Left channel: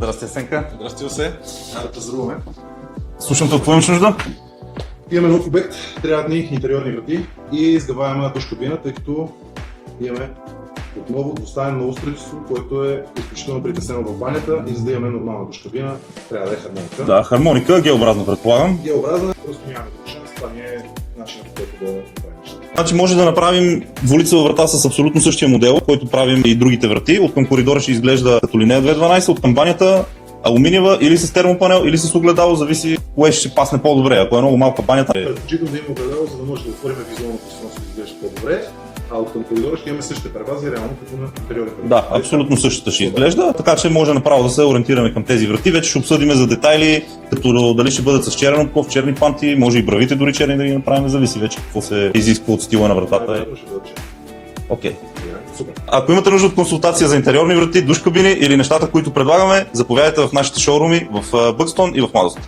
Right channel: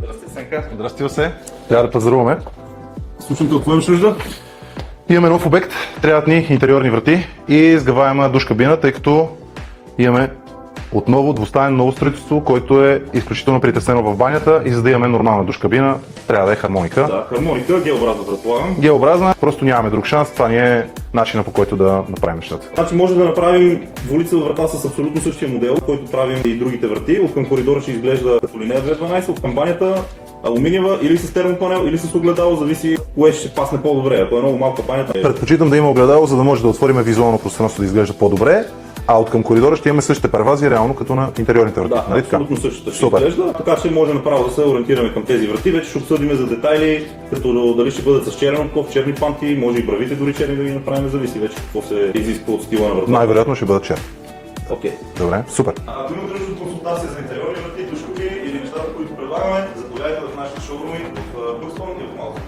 Здрасти, Сенка. Здрасти, Осе. Трябва да пазаруваме. Слушам те, какво имаш нужда? Имаме нов обект, трябват ни интериорни врати и сгъваема душ кабина, тъй като имаме отново двустаен ново строителство, което е изключително притеснено в банята и за да имаме нормална душ кабина, трябва да е хармоника. Да, хармоника, геобразно предполагам. Геобразна, просто нямаме друг шанс, това ни е начинът, по който да направим нещата. Значи може да направим двулицева врата с абсолютно същия модел, който правим и другите врати. От към коридора ще изглежда като линея 212, от към банята алуминиева или с термопанел, или с огледало, зависи кое ще пасне по-добре. Ако е много малка банята. Предпочитам да има огледало, за да може да отворим визуално пространство да изглежда по-добре, а от към коридора ще имаме същите первази, реално като на интериорните врати. Да, абсолютно същата ще изглежда, така че може направо да се ориентираме към тези врати. Вече ще обсъдим за детайли, като дали ще бъдат с черен обков, черни панти, може и бравите дори черни да ги направим, зависи вече какво се изисква от стила на вратата. Най-вероятно ще бъдат черни. Окей. Добре, супер. Ако имате нужда от консултация за интериорни врати, душ кабини или нещата, които предлагаме, заповядайте в нашите шоуруми в Бъкстон и в Младост.